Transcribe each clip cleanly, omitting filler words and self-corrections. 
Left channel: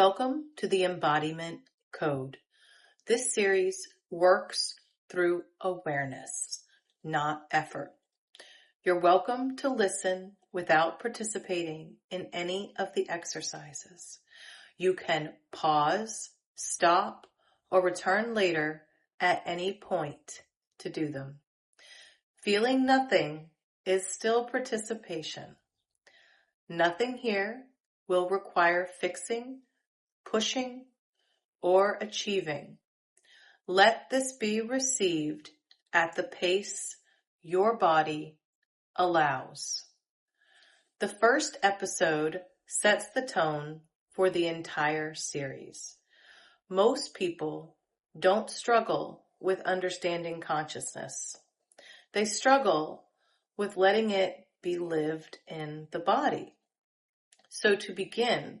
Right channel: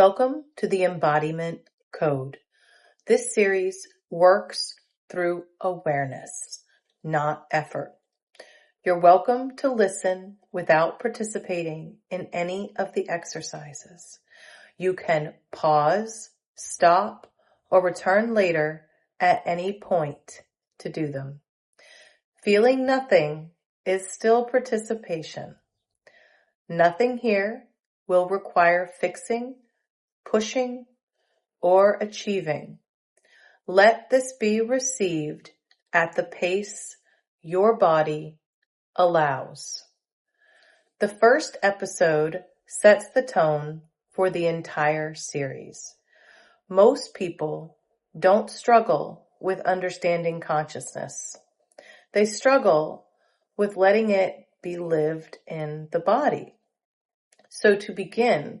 Welcome to the Embodiment Code. This series works through awareness, not effort. You're welcome to listen without participating in any of the exercises. You can pause, stop, or return later at any point to do them. Feeling nothing is still participation. Nothing here will require fixing, pushing, or achieving. Let this be received at the pace your body allows. The first episode sets the tone for the entire series. Most people don't struggle with understanding consciousness. They struggle with letting it be lived in the body. So to begin,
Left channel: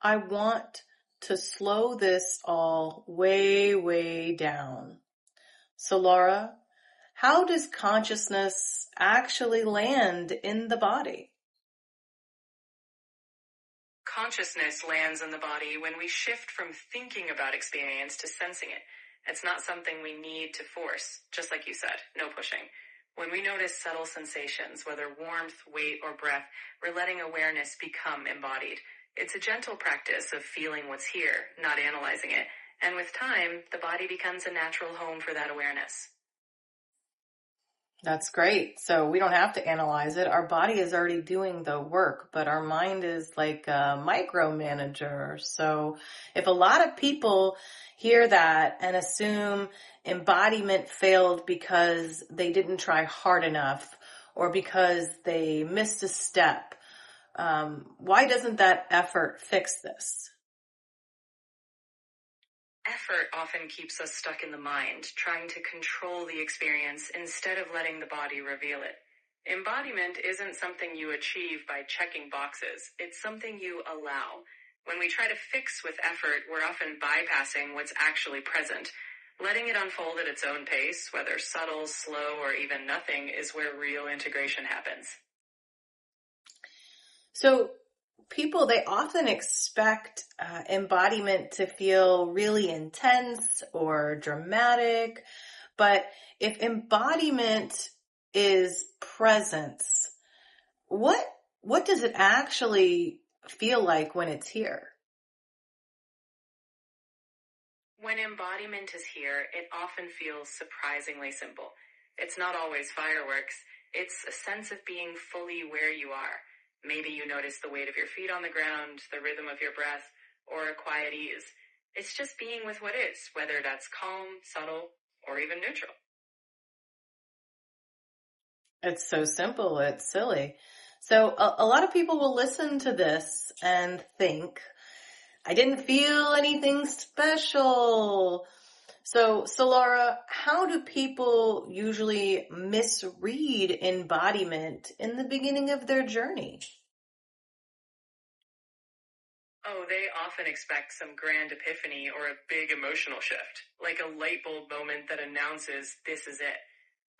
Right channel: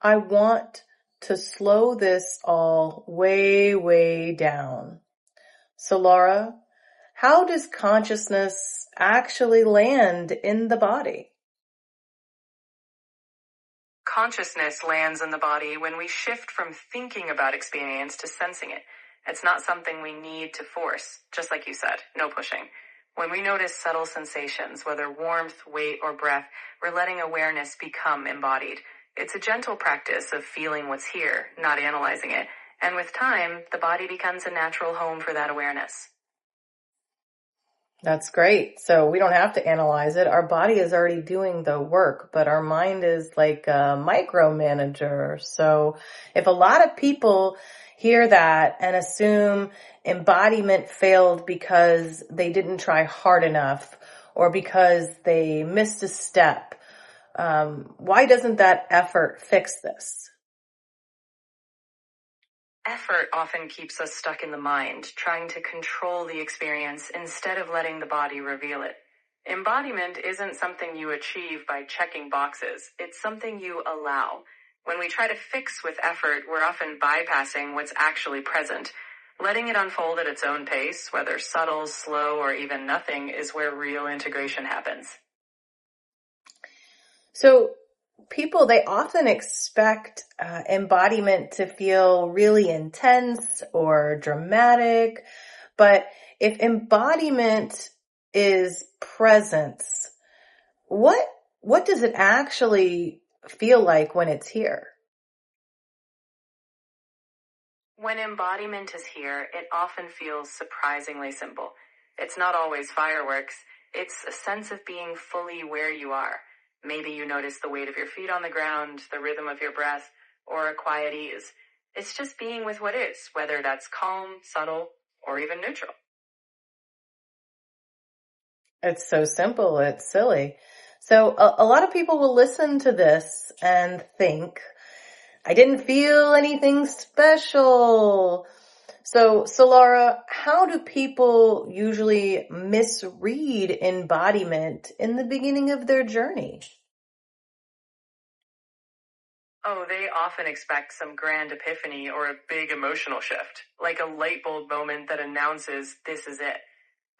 I want to slow this all way down. So Laura, how does consciousness actually land in the body? Consciousness lands in the body when we shift from thinking about experience to sensing it. It's not something we need to force, just like you said, no pushing. When we notice subtle sensations, whether warmth, weight, or breath, we're letting awareness become embodied. It's a gentle practice of feeling what's here, not analyzing it. And with time, the body becomes a natural home for that awareness. That's great. So we don't have to analyze it. Our body is already doing the work, but our mind is like a micromanager. So if a lot of people hear that and assume embodiment failed because they didn't try hard enough or because they missed a step, why doesn't that effort fix this? Effort often keeps us stuck in the mind, trying to control the experience instead of letting the body reveal it. Embodiment isn't something you achieve by checking boxes. It's something you allow. When we try to fix with effort, we're often bypassing what's actually present. Letting it unfold at its own pace, whether subtle, slow, or even nothing, is where real integration happens. So people, they often expect embodiment to feel really intense or dramatic, but if embodiment is presence, what does it actually feel like when it's here? When embodiment is here, it often feels surprisingly simple. It's not always fireworks. It's a sense of being fully where you are. Maybe you notice the weight of your feet on the ground, the rhythm of your breath, or a quiet ease. It's just being with what is, whether that's calm, subtle, or even neutral. It's so simple, it's silly. So a lot of people will listen to this and think, I didn't feel anything special. So Laura, how do people usually misread embodiment in the beginning of their journey? Oh, they often expect some grand epiphany or a big emotional shift, like a light bulb moment that announces this is it.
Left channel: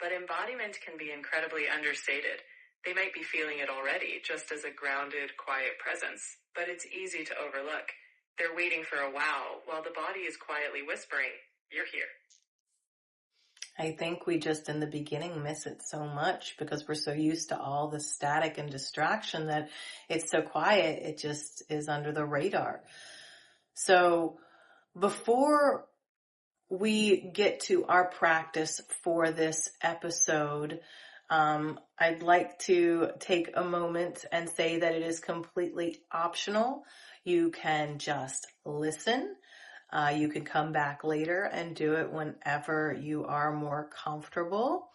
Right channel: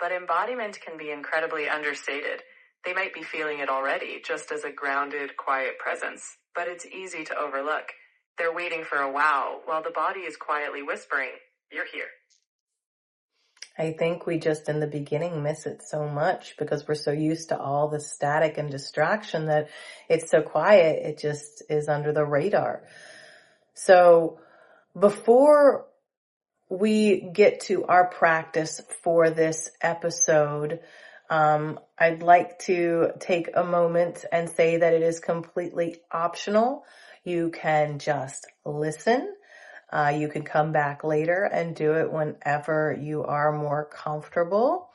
But embodiment can be incredibly understated. They might be feeling it already, just as a grounded, quiet presence, but it's easy to overlook. They're waiting for a wow, while the body is quietly whispering, you're here. I think we just in the beginning miss it so much because we're so used to all the static and distraction that it's so quiet, it just is under the radar. So before we get to our practice for this episode, I'd like to take a moment and say that it is completely optional. You can just listen. You can come back later and do it whenever you are more comfortable.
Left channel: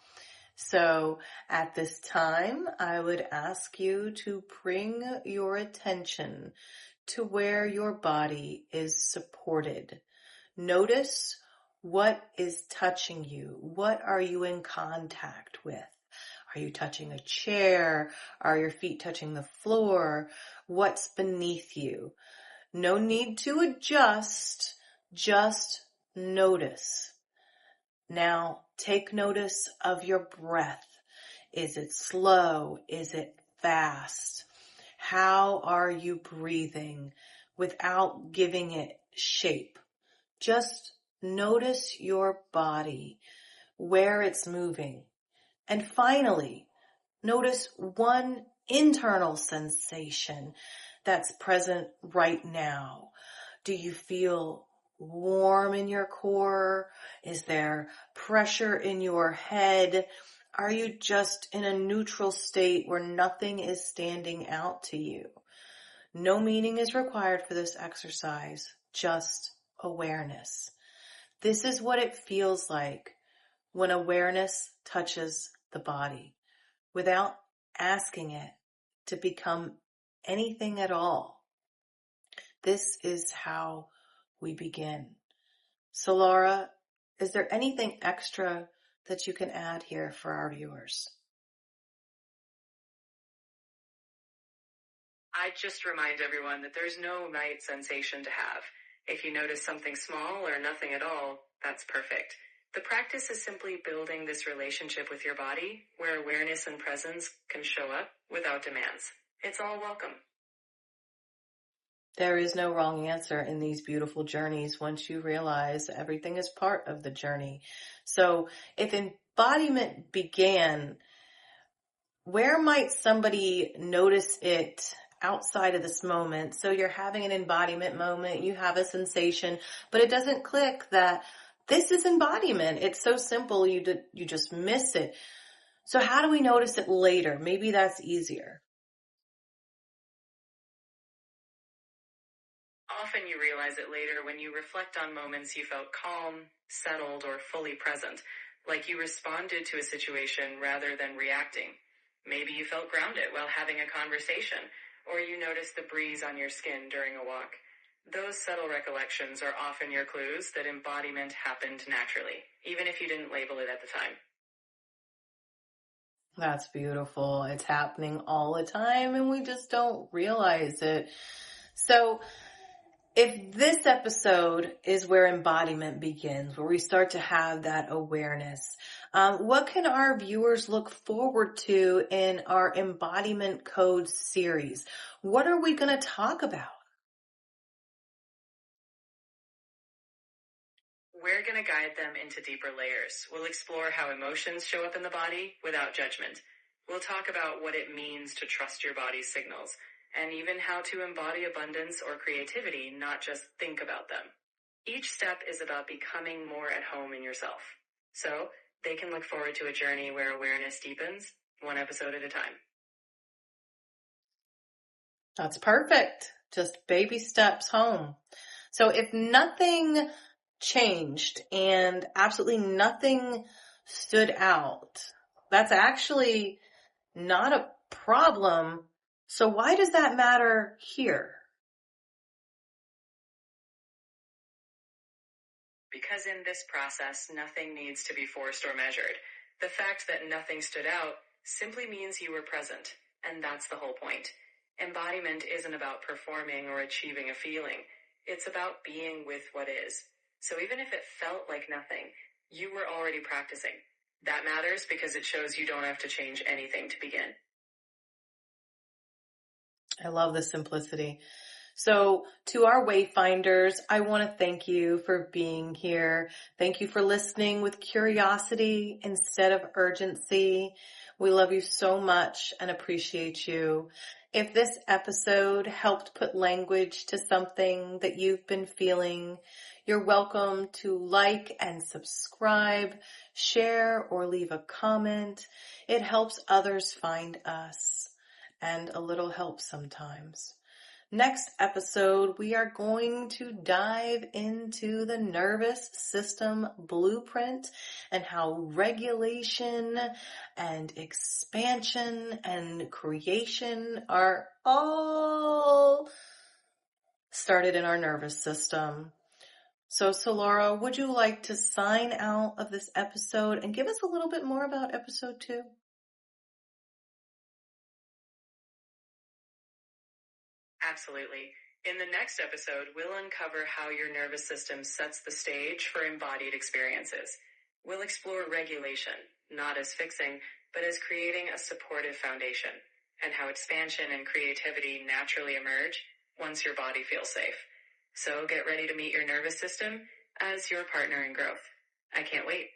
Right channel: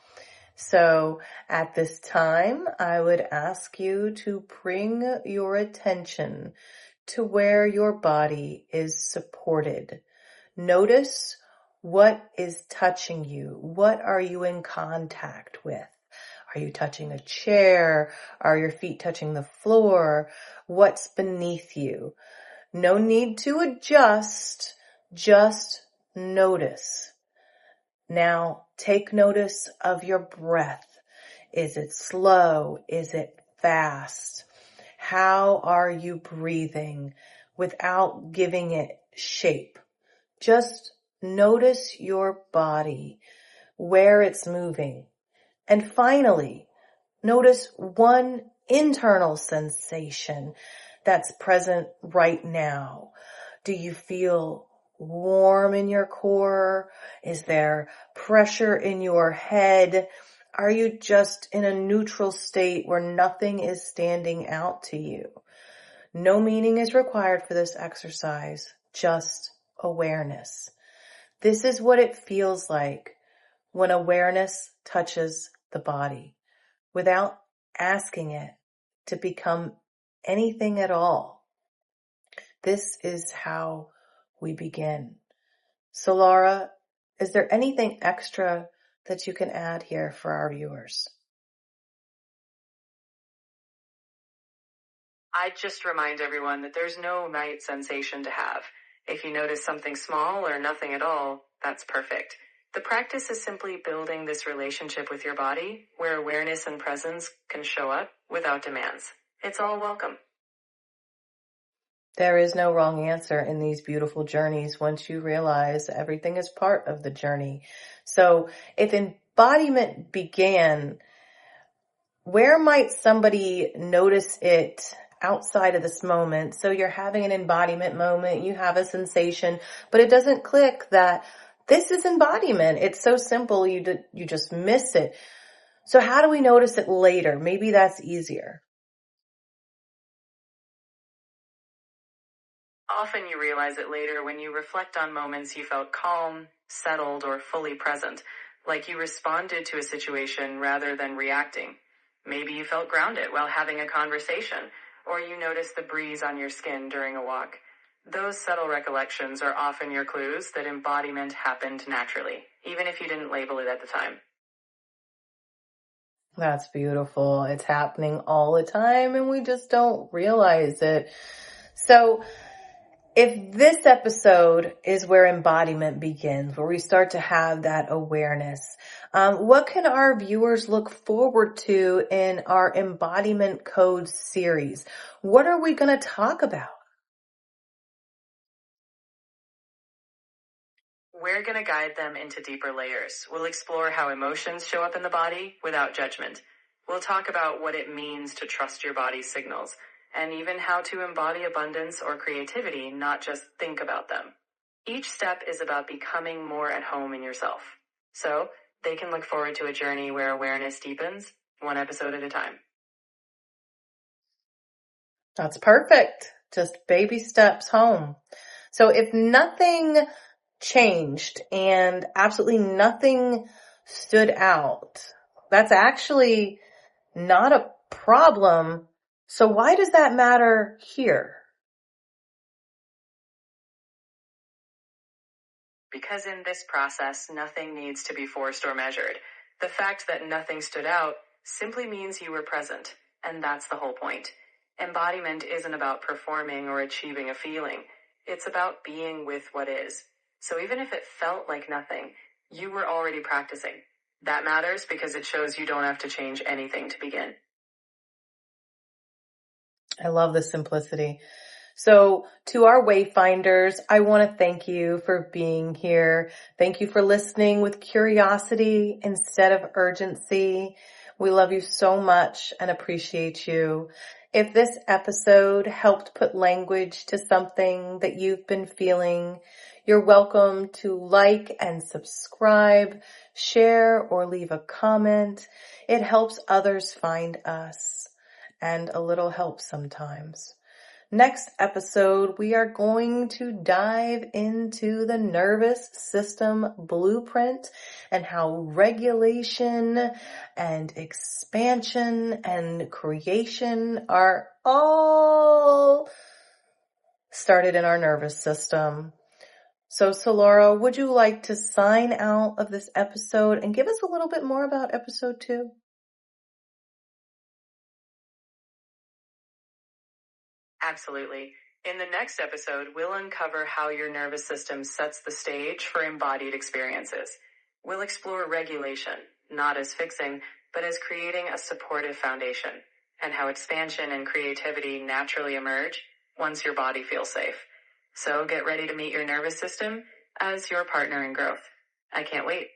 So at this time, I would ask you to bring your attention to where your body is supported. Notice what is touching you. What are you in contact with? Are you touching a chair? Are your feet touching the floor? What's beneath you? No need to adjust. Just notice. Now take notice of your breath. Is it slow? Is it fast? How are you breathing? without giving it shape. Just notice your body, where it's moving. And finally, notice one internal sensation that's present right now. Do you feel warm in your core? Is there pressure in your head? Are you just in a neutral state where nothing is standing out to you? No meaning is required for this exercise, just awareness. This is what it feels like when awareness touches the body without asking it to become anything at all. This is how we begin. So Laura, is there anything extra that you can add here for our viewers? I'd just remind everyone that there's no right sensation to have. If you notice something small or nothing at all, that's perfect. The practice is simply building this relationship with your body where awareness and presence can show up without demands. It's all welcome. There is no wrong answer in these beautiful journeys once you realize everything is part of the journey. So if embodiment began, where might somebody notice it outside of this moment? So you're having an embodiment moment, you have a sensation, but it doesn't click that this is embodiment. It's so simple, you just miss it. So how do we notice it later? Maybe that's easier. Often you realize it later when you reflect on moments you felt calm, settled, or fully present, like you responded to a situation rather than reacting. Maybe you felt grounded while having a conversation, or you noticed the breeze on your skin during a walk. Those subtle recollections are often your clues that embodiment happened naturally, even if you didn't label it at the time. That's beautiful. It's happening all the time and we just don't realize it. So if this episode is where embodiment begins, where we start to have that awareness, what can our viewers look forward to in our Embodiment Code series? What are we going to talk about? We're going to guide them into deeper layers. We'll explore how emotions show up in the body without judgment. We'll talk about what it means to trust your body's signals, and even how to embody abundance or creativity, not just think about them. Each step is about becoming more at home in yourself. So they can look forward to a journey where awareness deepens, one episode at a time. That's perfect. Just baby steps home. So if nothing changed and absolutely nothing stood out, that's actually not a problem. So why does that matter here? Because in this process, nothing needs to be forced or measured. The fact that nothing stood out simply means you were present, and that's the whole point. Embodiment isn't about performing or achieving a feeling. It's about being with what is. So even if it felt like nothing, you were already practicing. That matters because it shows you don't have to change anything to begin. I love the simplicity. So to our wayfinders, I want to thank you for being here. Thank you for listening with curiosity instead of urgency. We love you so much and appreciate you. If this episode helped put language to something that you've been feeling, you're welcome to like and subscribe, share, or leave a comment. It helps others find us, and a little help sometimes. Next episode, we are going to dive into the nervous system blueprint and how regulation and expansion and creation are all started in our nervous system. So, Laura, would you like to sign out of this episode and give us a little bit more about episode 2? Absolutely. In the next episode, we'll uncover how your nervous system sets the stage for embodied experiences. We'll explore regulation, not as fixing, but as creating a supportive foundation, and how expansion and creativity naturally emerge once your body feels safe. So get ready to meet your nervous system as your partner in growth. I can't wait.